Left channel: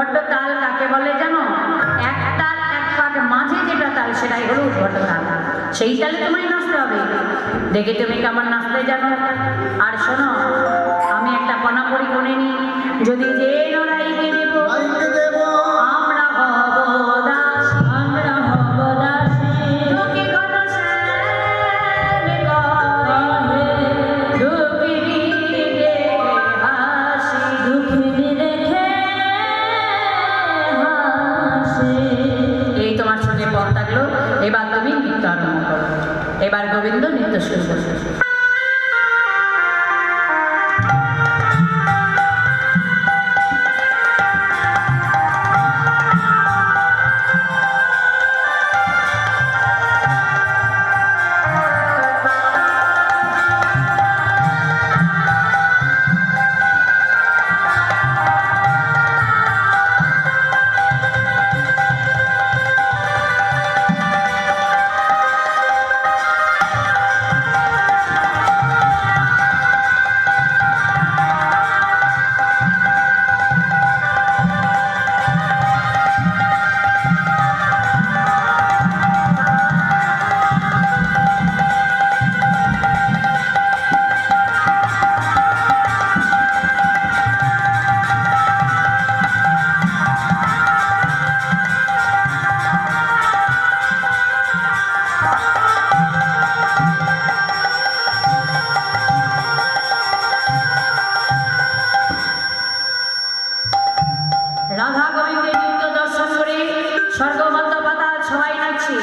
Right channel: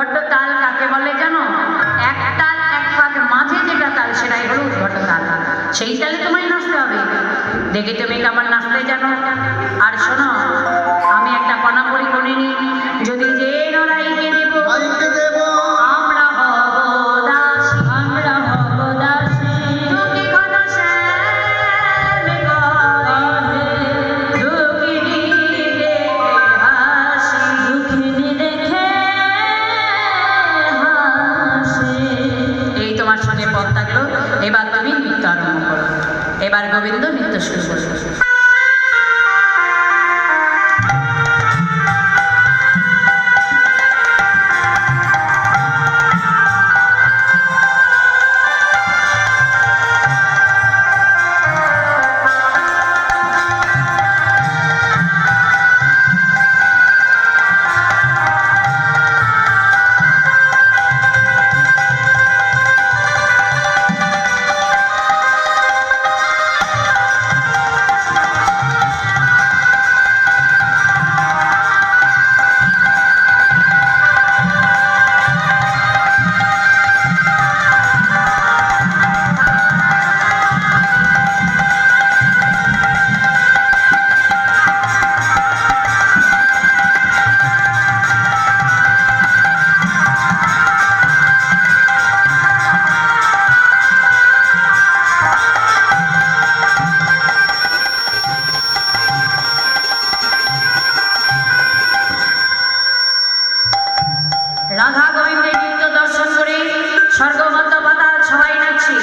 উদ্ভট তাল কাকে বলে জানো? এক তাল এক পাক মাঝে যেটা তাল সেটাই হলো উদ্ভট তাল। সেই তালে তোমায় নাচতে হবে। দেখে তুমি কেমন নাচতে জানো? আর শোনো, আমি একটা পানাপুরি করে নি, যদি যে লড়াইকে দেব আমরা হব দাস, আমরা হব দাস। দুঃখী কথা শ্যাম কহে, দুঃখিনী দেখে হাসি, দুঃখিনী দেখে হাসি। এই তোমার সঙ্গে পথ থাকলো। এবার তুমি নৃত্য আরম্ভ করো। এবার গোবিন্দ নৃত্য শুরু করবে। রাধা গোবিন্দের নৃত্য দর্শন করে স্বর্গবদ্ধ পাতাল সবাই নাচছে।